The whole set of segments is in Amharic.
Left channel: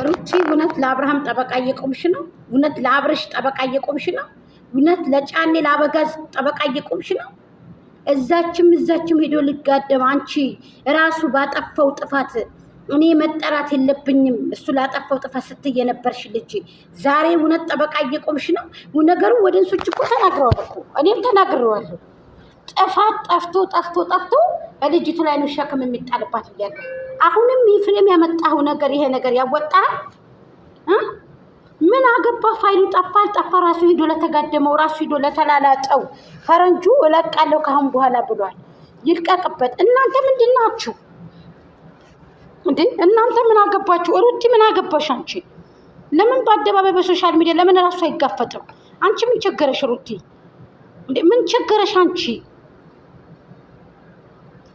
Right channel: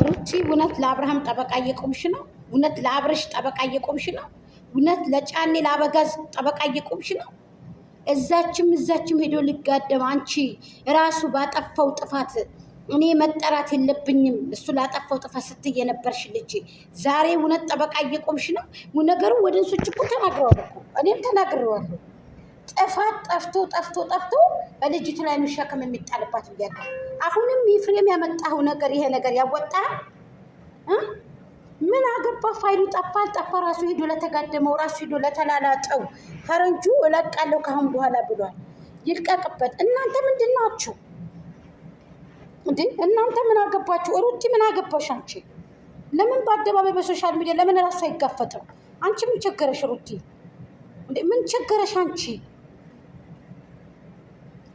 ሩቺ እውነት ለአብርሃም ጠበቃ እየቆምሽ ነው? እውነት ለአብርሽ ጠበቃ እየቆምሽ ነው? እውነት ለጫኔ ለአበጋዝ ጠበቃ እየቆምሽ ነው? እዛችም ሄዶ ሊጋደም አንቺ ራሱ ባጠፋው ጥፋት እኔ መጠራት የለብኝም እሱ ላጠፋው ጥፋት ስትይ የነበርሽ ልጅ ዛሬ እውነት ጠበቃ እየቆምሽ ነው? ነገሩ ወደንሶች እኮ ተናግረዋል እኮ እኔም ተናግሬዋለሁ። ጥፋት ጠፍቶ ልጅቱ ላይ ነው ሸክም የሚጣልባት ብያለሁ። አሁንም ይፍሬም ያመጣው ነገር ይሄ ነገር ያወጣል። ምን አገባ? ፋይሉ ጠፋ ራሱ ሄዶ ለተጋደመው ራሱ ሄዶ ለተላላጠው ፈረንጁ እለቃለሁ ካሁን በኋላ ብሏል። ይልቀቅበት። እናንተ ምንድን ናችሁ እንዴ? እናንተ ምን አገባችሁ? ሩቲ ምን አገባሽ አንቺ? ለምን በአደባባይ በሶሻል ሚዲያ ለምን ራሱ አይጋፈጥም? አንቺ ምን ቸገረሽ ሩቲ? እንዴ ምን ቸገረሽ አንቺ?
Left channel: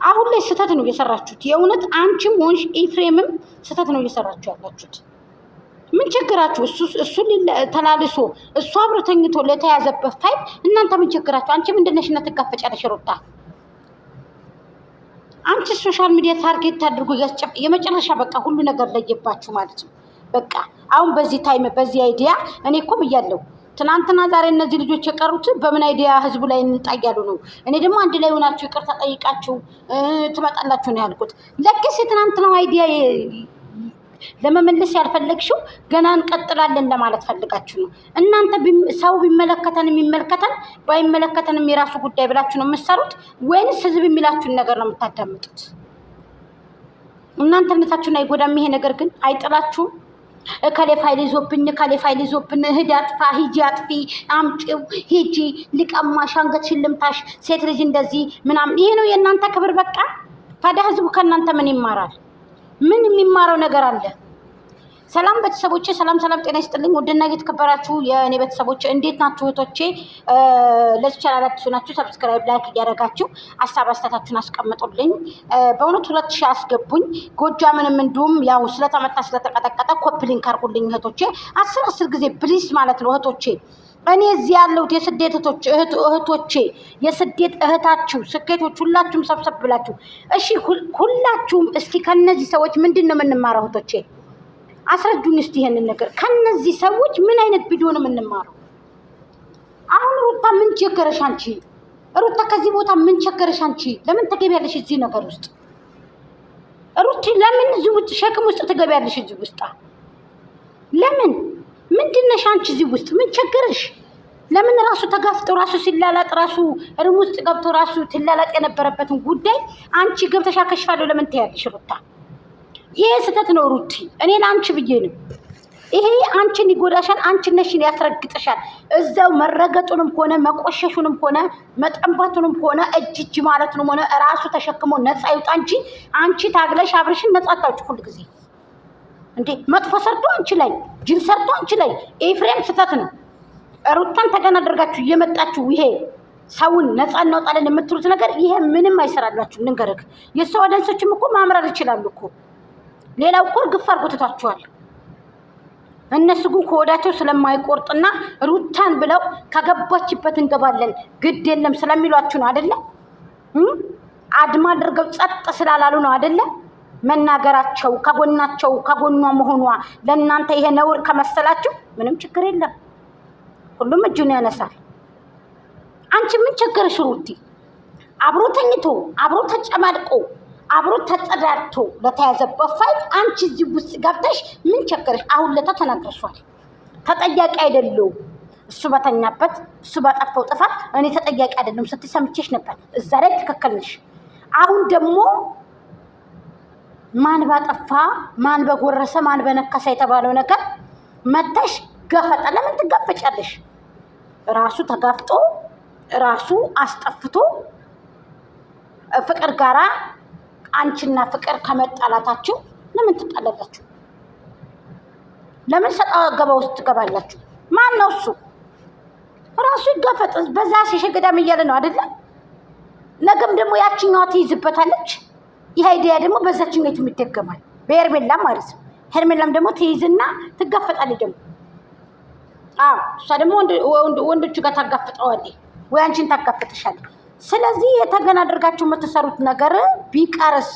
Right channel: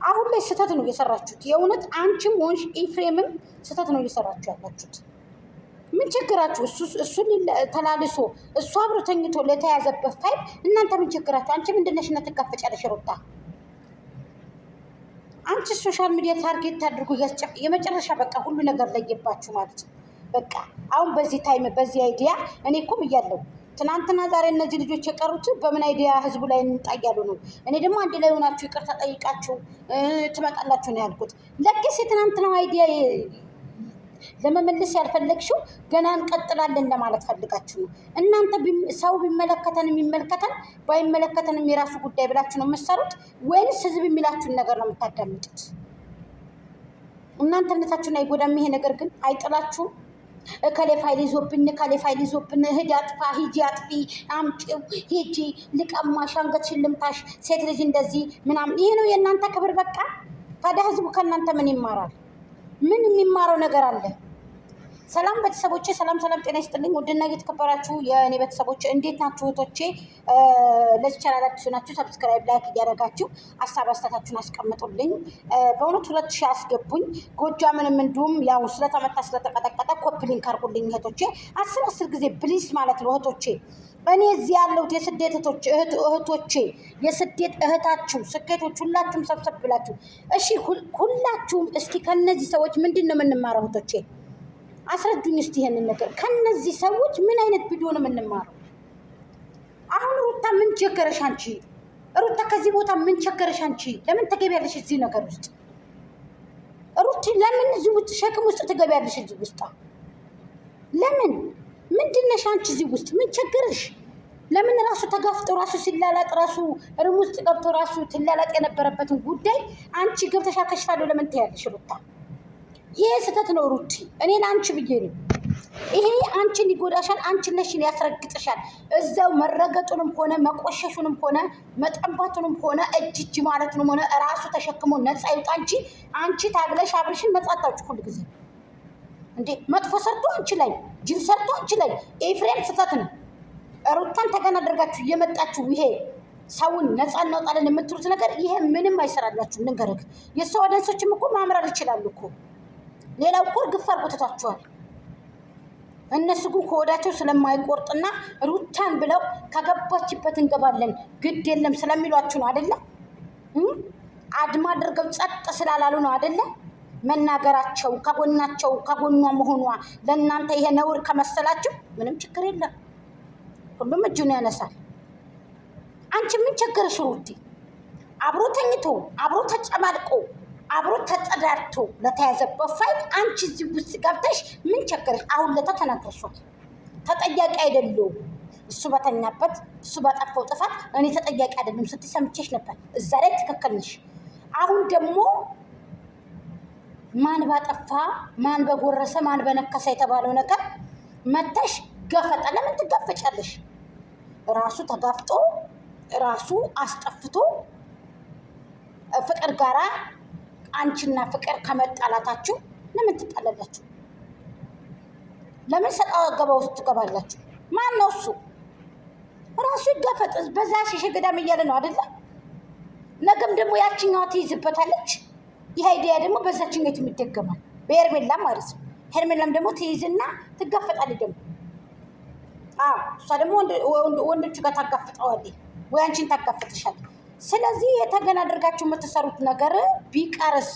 አሁን ላይ ስህተት ነው እየሰራችሁት። የእውነት አንቺም ሆንሽ ኤፍሬምም ስህተት ነው እየሰራችሁ ያላችሁት። ምን ችግራችሁ? እሱ ተላልሶ እሱ አብሮ ተኝቶ ለተያዘበት ፋይል እናንተ ምን ችግራችሁ? አንቺ ምንድነሽና ትጋፈጫለሽ ሩታ? አንቺ ሶሻል ሚዲያ ታርጌት አድርጎ የመጨረሻ በቃ ሁሉ ነገር ለየባችሁ ማለት ነው። በቃ አሁን በዚህ ታይም በዚህ አይዲያ እኔ እኮ ብያለሁ። ትናንትና ዛሬ እነዚህ ልጆች የቀሩት በምን አይዲያ ህዝቡ ላይ እንጣያሉ ነው። እኔ ደግሞ አንድ ላይ ሆናችሁ ይቅርታ ጠይቃችሁ ትመጣላችሁ ነው ያልኩት። ለክስ የትናንትናው አይዲያ ለመመለስ ያልፈለግሽው ገና እንቀጥላለን ለማለት ፈልጋችሁ ነው። እናንተ ሰው ቢመለከተን የሚመለከተን ባይመለከተንም የራሱ ጉዳይ ብላችሁ ነው የምትሰሩት ወይንስ ህዝብ የሚላችሁን ነገር ነው የምታዳምጡት? እናንተነታችሁን አይጎዳም ይሄ ነገር ግን አይጥላችሁም? ከሌ ፋይል ይዞብን ሂጂ አጥፋ ሂጂ አጥፊ አምጪው ሂጂ ሊቀማሽ አንገትሽን ልምታሽ ሴት ልጅ እንደዚህ ምናምን ይሄ ነው የእናንተ ክብር? በቃ ታዲያ ህዝቡ ከእናንተ ምን ይማራል? ምን የሚማረው ነገር አለ? ሰላም ቤተሰቦቼ፣ ሰላም ጤና ይስጥልኝ። ውድና እየተከበራችሁ የእኔ ቤተሰቦቼ እንዴት ናችሁ? እህቶቼ ለዚህ ቻናል አዲስ ናችሁ ሰብስክራይብ ላይክ እያደረጋችሁ ሀሳብ አስተያየታችሁን አስቀምጡልኝ። በእውነት 2000 አስገቡኝ። ጎጃምንም እንዲሁም ያው ስለተመታ ስለተቀጠቀጠ ኮፒ ሊንክ አድርጉልኝ እህቶቼ። 10 ጊዜ ፕሊስ ማለት ነው እህቶቼ። እኔ እዚህ ያለሁት የስደት እህቶቼ የስደት እህታችሁ ስኬቶች ሁላችሁም ሰብሰብ ብላችሁ እሺ፣ ሁላችሁም እስኪ ከነዚህ ሰዎች ምንድን ነው የምንማረው እህቶቼ? አስረዱኝ እስቲ ይሄንን ነገር። ከነዚህ ሰዎች ምን አይነት ቪዲዮ ነው የምንማረው? አሁን ሩታ ምን ቸገረሽ አንቺ? ሩታ ከዚህ ቦታ ምን ቸገረሽ አንቺ? ለምን ትገቢያለሽ እዚህ ነገር ውስጥ? ሩቲ ለምን እዚህ ውስጥ ሸክም ውስጥ ትገቢያለሽ እዚህ ውስጥ? ለምን ምንድነሽ አንቺ እዚህ ውስጥ ምን ቸገረሽ? ለምን ራሱ ተጋፍጦ ራሱ ሲላላጥ ራሱ ሩም ውስጥ ገብቶ ራሱ ትላላጥ የነበረበትን ጉዳይ አንቺ ገብተሽ አከሽፋለሁ ለምን ትያለሽ ሩታ? ይሄ ስህተት ነው ሩቲ። እኔ ለአንቺ ብዬ ነው። ይሄ አንቺን ይጎዳሻል፣ አንቺን ነሽን ያስረግጥሻል። እዛው መረገጡንም ሆነ መቆሸሹንም ሆነ መጠንባቱንም ሆነ እጅ ማለቱንም ሆነ ራሱ ተሸክሞ ነፃ ይውጣ እንጂ አንቺ ታግለሽ አብርሽን ነፃ አታውጭ ሁሉ ጊዜ እንዴ። መጥፎ ሰርቶ አንቺ ላይ ጅል ሰርቶ አንቺ ላይ ኤፍሬም ስህተት ነው። ሩታን ተገና አድርጋችሁ እየመጣችሁ ይሄ ሰውን ነፃ እናወጣለን የምትሉት ነገር ይሄ ምንም አይሰራላችሁ። ንገርክ የሰው ወደንሶችም እኮ ማምራር ይችላሉ እኮ። ሌላው እኮ ግፍ አድርጎታችኋል። እነሱ ግን ከወዳቸው ስለማይቆርጥና ሩታን ብለው ከገባችበት እንገባለን ግድ የለም ስለሚሏችሁ ነው አይደለ? አድማ አድርገው ጸጥ ስላላሉ ነው አይደለ? መናገራቸው ከጎኗ መሆኗ ለእናንተ ይሄ ነውር ከመሰላችሁ ምንም ችግር የለም። ሁሉም እጁን ያነሳል። አንቺ ምን ቸገረሽ ሩቲ? አብሮ ተኝቶ አብሮ ተጨማድቆ አብሮ ተጸዳድቶ ለተያዘበት ፋይል አንቺ እዚህ ውስጥ ገብተሽ ምን ቸገረሽ? አሁን ለታ ተናግረሻል። ተጠያቂ አይደለሁም እሱ በተኛበት እሱ ባጠፋው ጥፋት እኔ ተጠያቂ አይደለም ስትይ ሰምቼሽ ነበር። እዛ ላይ ትክክል ነሽ። አሁን ደግሞ ማን ባጠፋ ማን በጎረሰ ማን በነከሰ የተባለው ነገር መተሽ ገፈጠ። ለምን ትጋፈጫለሽ? ራሱ ተጋፍጦ ራሱ አስጠፍቶ ፍቅር ጋራ አንቺና ፍቅር ከመጣላታችሁ ለምን ትጣላላችሁ? ለምን ሰጣ ገባ ውስጥ ትገባላችሁ? ማን ነው እሱ? ራሱ ይጋፈጥ። በዛ ሸገዳም እያለ ነው አይደለ? ነገም ደግሞ ያቺኛዋ ትይዝበታለች። ይሄ አይዲያ ደግሞ በዛችኛው የሚደገማል በሄርሜላ ማለት ነው። ሄርሜላም ደግሞ ትይዝና ትጋፈጣለች ደግሞ። አዎ እሷ ደግሞ ወንዶቹ ጋር ታጋፍጠዋለች ወይ አንቺን ታጋፍጥሻለች። ስለዚህ የተገና አድርጋችሁ የምትሰሩት ነገር ቢቀርስ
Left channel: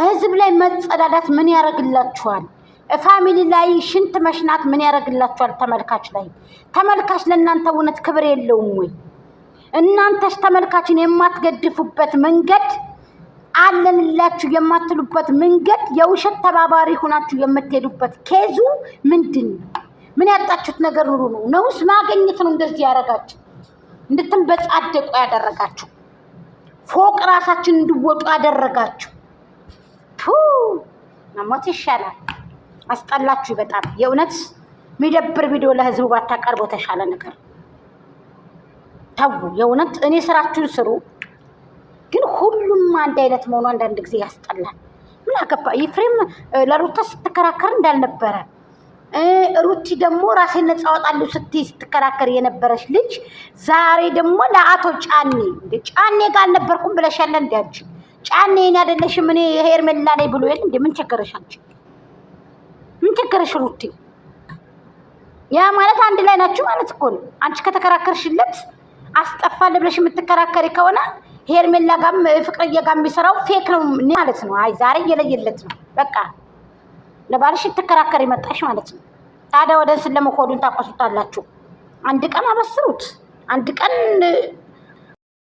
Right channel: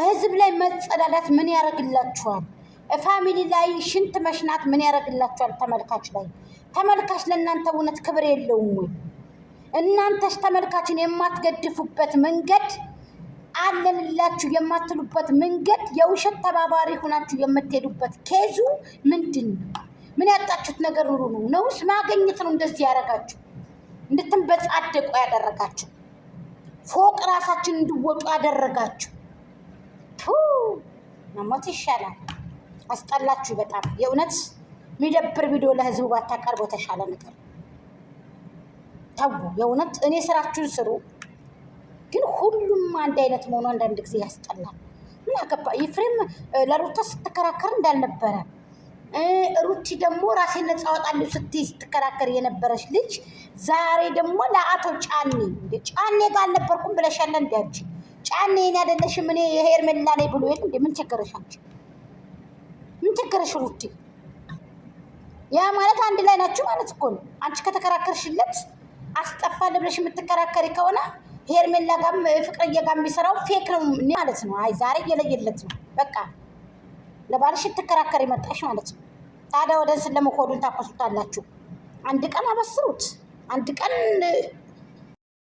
ህዝብ ላይ መጸዳዳት ምን ያደርግላችኋል? ፋሚሊ ላይ ሽንት መሽናት ምን ያደርግላችኋል? ተመልካች ለእናንተ እውነት ክብር የለውም ወይ? እናንተስ ተመልካችን የማትገድፉበት መንገድ አለንላችሁ የማትሉበት መንገድ የውሸት ተባባሪ ሆናችሁ የምትሄዱበት ኬዙ ምንድን ነው? ምን ያጣችሁት ነገር ኑሩ ነው ነውስ ማገኘት ነው? እንደዚህ ያደረጋችሁ እንድትንበጻደቁ ያደረጋችሁ ፎቅ ራሳችን እንድወጡ ያደረጋችሁ መሞት ይሻላል። አስጠላችሁ በጣም የእውነት የሚደብር ቪዲዮ ለህዝቡ ባታቀርቡ ተሻለ ነገር ተው። የእውነት እኔ ስራችሁን ስሩ፣ ግን ሁሉም አንድ አይነት መሆኑ አንዳንድ ጊዜ ያስጠላል። ምን አገባ ኤፍሬም ለሩታ ስትከራከር እንዳልነበረ ሩቲ ደግሞ ራሴን ነፃ አወጣለሁ ስትይ ስትከራከር የነበረች ልጅ ዛሬ ደግሞ ለአቶ ጫኔ ጋር አልነበርኩም ብለሻለ። እንዲያች ጫኔ እኔ አይደለሽም እኔ ሄርሜላ ነኝ ብሎ የለ እንዴ? ምን ቸገረሽ አንቺ? ምን ቸገረሽ ሩቲ? ያ ማለት አንድ ላይ ናችሁ ማለት እኮ ነው። አንቺ ከተከራከርሽለት አስጠፋለሁ ብለሽ የምትከራከሪ ከሆነ ሄርሜላ ጋርም ፍቅርዬ ጋር የሚሰራው ፌክ ነው ማለት ነው። አይ ዛሬ እየለየለት ነው በቃ ለባልሽ ትከራከሪ መጣሽ ማለት ነው። ታዲያ ወደ እንስን ለመኮዱን ታቆሱታላችሁ። አንድ ቀን አበስሩት፣ አንድ ቀን